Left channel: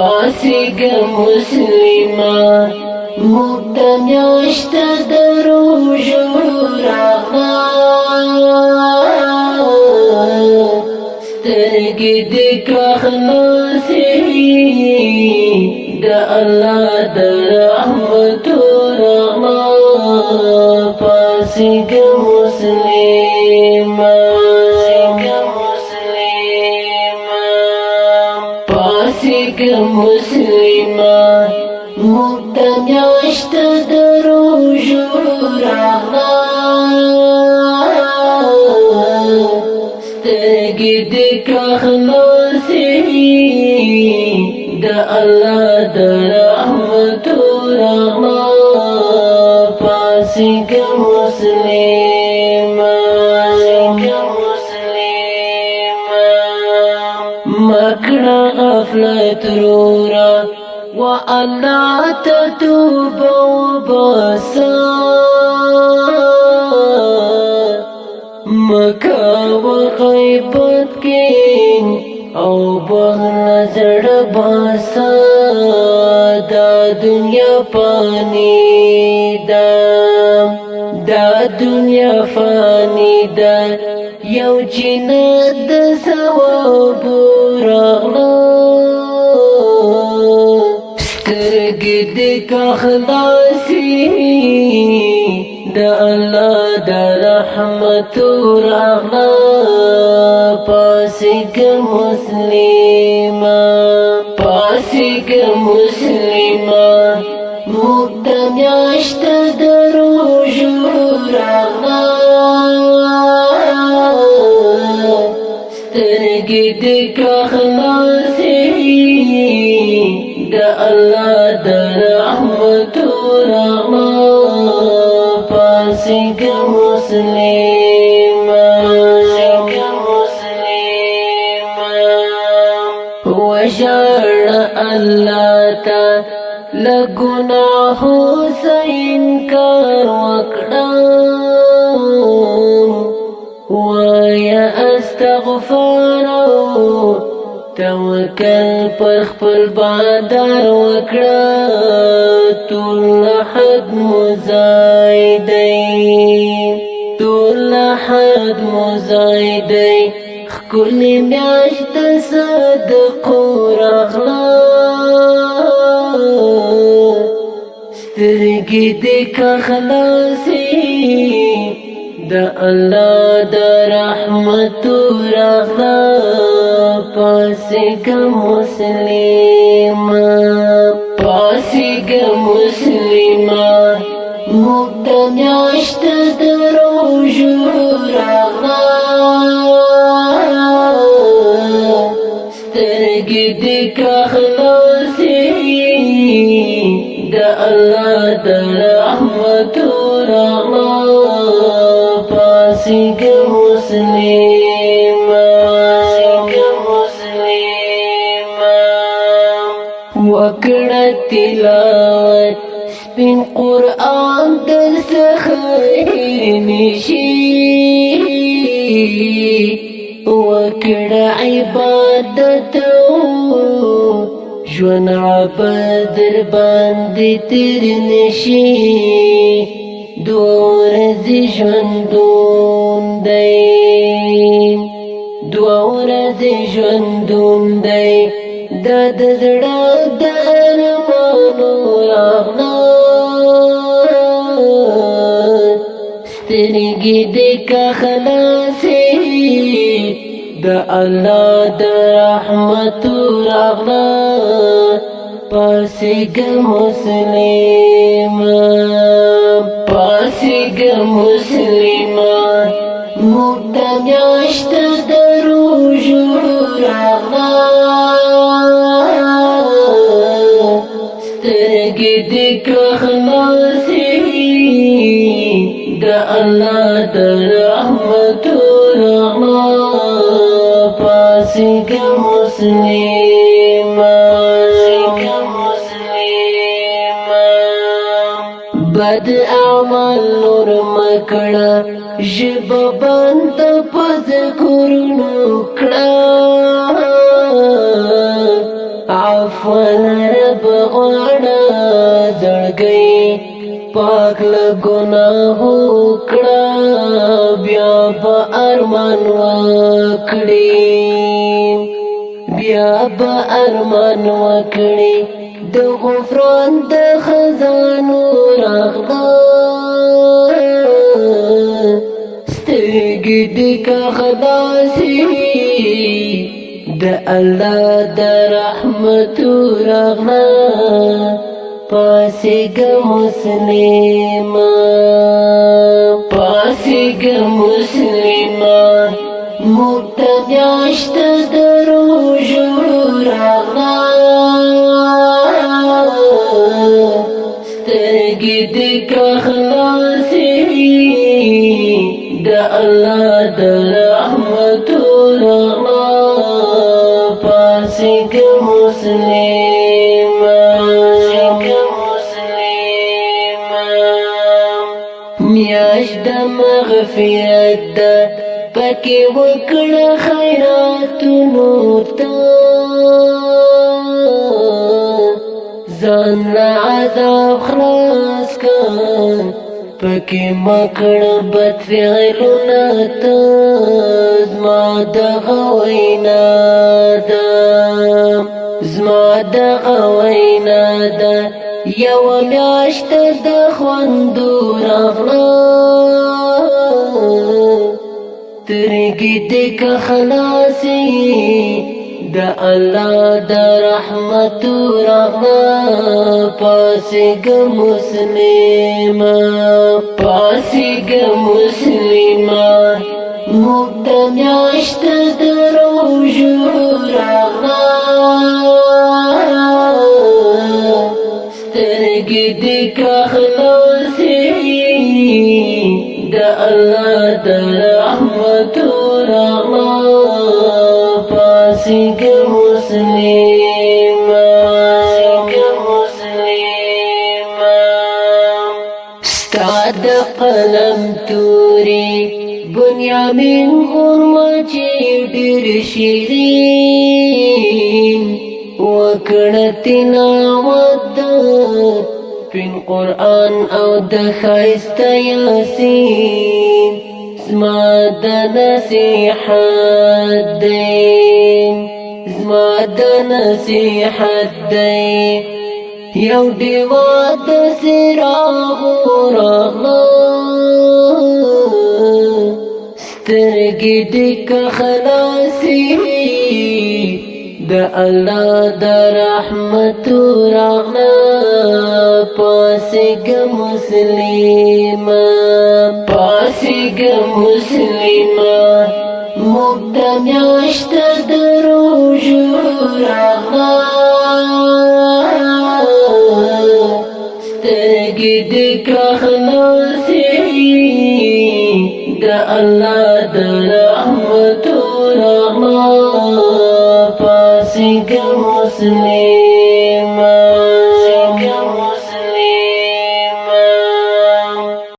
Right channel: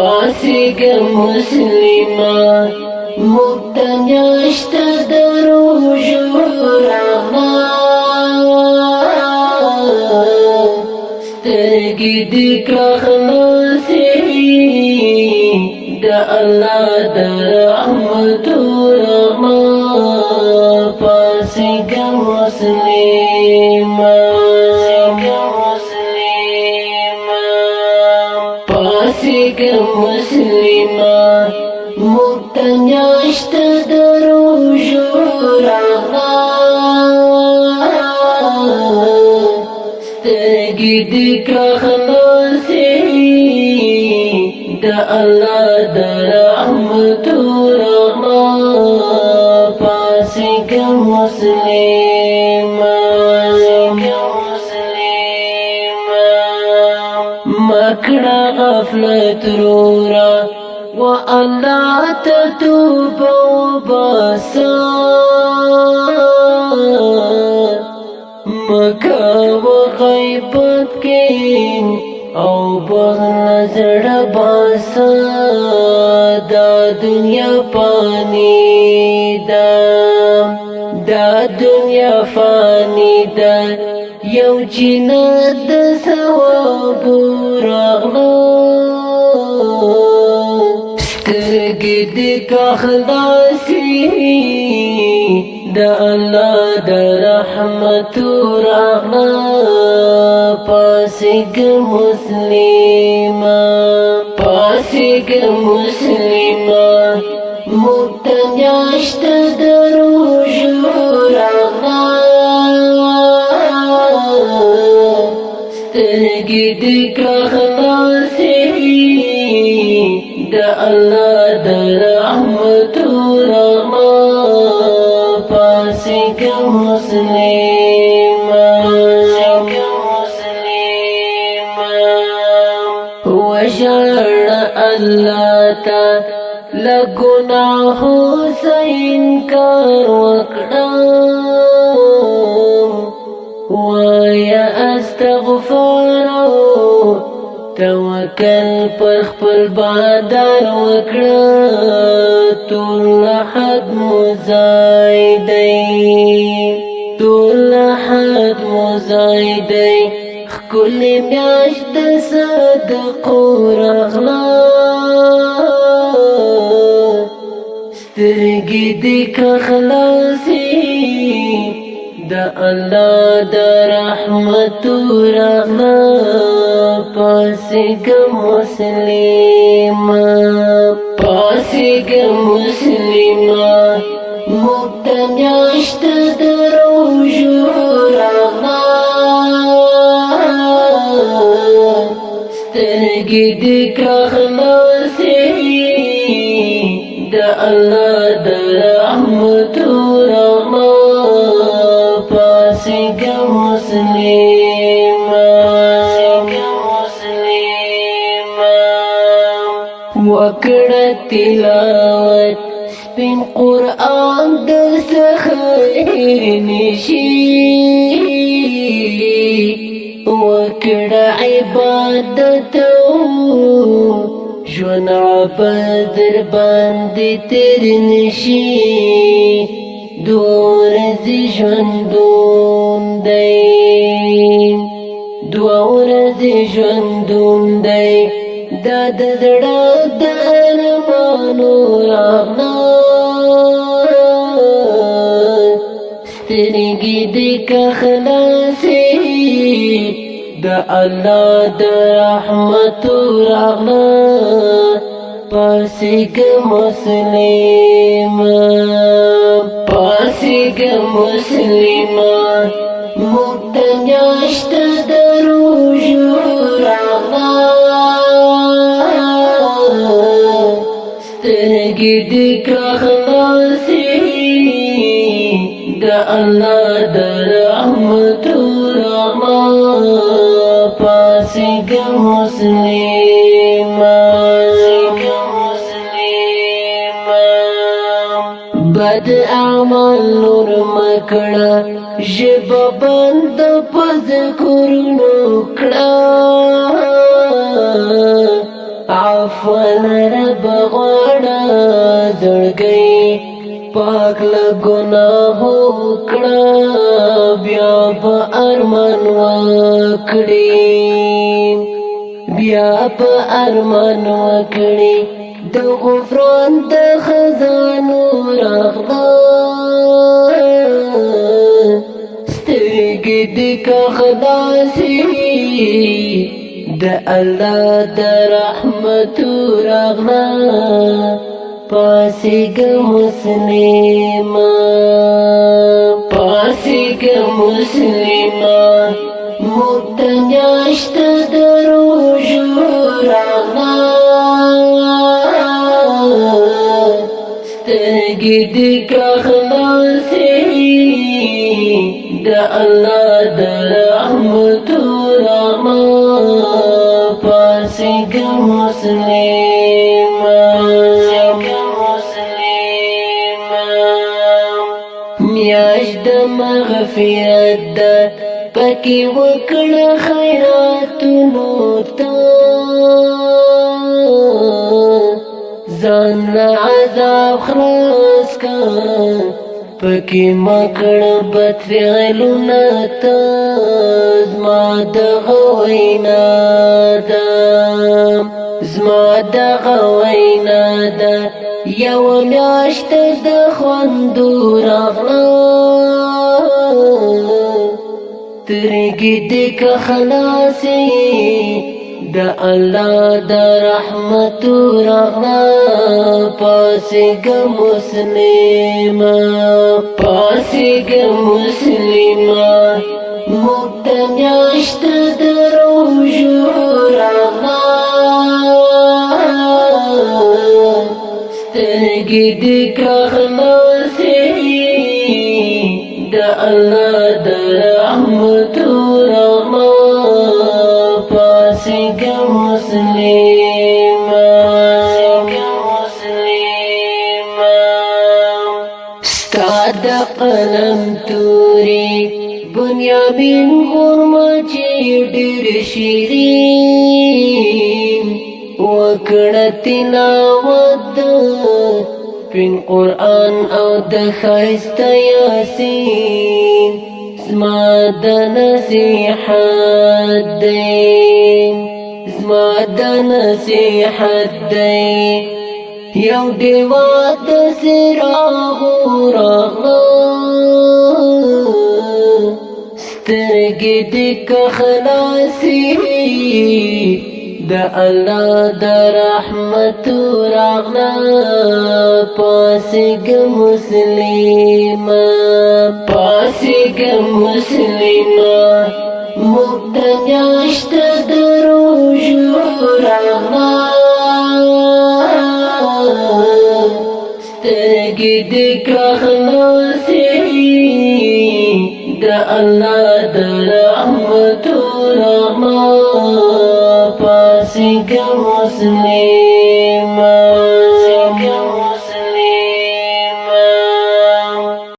پاسېږه مسلمان موږ ته میاشته د روژو راغله سترګې دې که خلاصې د الله د رحمتو راغله پاسېږه مسلمان پاسېږه مسلمان موږ ته میاشته د روژو راغله سترګې دې که خلاصې د الله د رحمتو راغله پاسېږه مسلمان مکړه غفلت رورا و الله ته توبه وباسه مکوه غیبت کې او بغل زړه باسه دا دنیا فانی ده دا دنیا فانی ده یو جنت د ثواب راغله سترګې دې که خلاصې د الله د رحمتو راغله پاسېږه مسلمان پاسېږه مسلمان موږ ته میاشته د روژو راغله سترګې دې که خلاصې د الله د رحمتو راغله پاسېږه مسلمان وژړه الله ته له ګناهو څه انکار وکړه وایه استغفار توکل پر خپل بادار وکړه ټول حد مزای دی ټول حد مزای دی ښکلې میاشت د صدقو راغله سترګې دې که خلاصې د الله د رحمتو راغله پاسېږه مسلمان پاسېږه مسلمان موږ ته میاشته د روژو راغله سترګې دې که خلاصې د الله د رحمتو راغله پاسېږه مسلمان وکړه تلاوت سپین قرآن در څخه هېر نشي وکړه عبادت ژوند عبادت در باندې تېر نشي دوه ورځې ژوندون دی دوه ورځې ژوندون دی دا د زړه د ارمانو راغله سترګې دې که خلاصې د الله د رحمتو راغله پاسېږه مسلمان پاسېږه مسلمان موږ ته میاشته د روژو راغله سترګې دې که خلاصې د الله د رحمتو راغله پاسېږه مسلمان بد اعمال نور مکړه ژبه بند په ذکرونو کړه عفو رب غواړه زړګی پاک له ګناهو کړه بیا به ارمان وکړي بیا به ارمان وکړي د غفران د خزانو راغله سترګې دې که خلاصې د الله د رحمتو راغله پاسېږه مسلمه پاسېږه مسلمه موږ ته میاشت د روژو راغله سترګې دې که خلاصې د الله د رحمتو راغله پاسېږه مسلمه میاشت د مغفرت ده پکې وکړه خیراتونو ته ځان له عذاب خلاص کړه پکې مکړه بد فعلونه ته زما دغه وینا ده زما دغه وینا ده یوه میاشت د خوندو راغله سترګې دې که خلاصې د الله د رحمتو راغله پاسېږه مسلمه پاسېږه مسلمه موږ ته میاشت د روژو راغله سترګې دې که خلاصې د الله د رحمتو راغله پاسېږه مسلمه ستا د قلم تورې بنیامین غرمچې ډېر شیرین وکړه تلاوت د پین قرآن او د ښایسته یاسین زما د نصیحت دی زما د نصیحت دی یو ډیوه د څراغو راغله سترګې دې که خلاصې د الله د رحمتو راغله پاسېږه مسلمه پاسېږه مسلمه موږ ته میاشت د روژو راغله سترګې دې که خلاصې د الله د رحمتو راغله پاسېږه مسلمه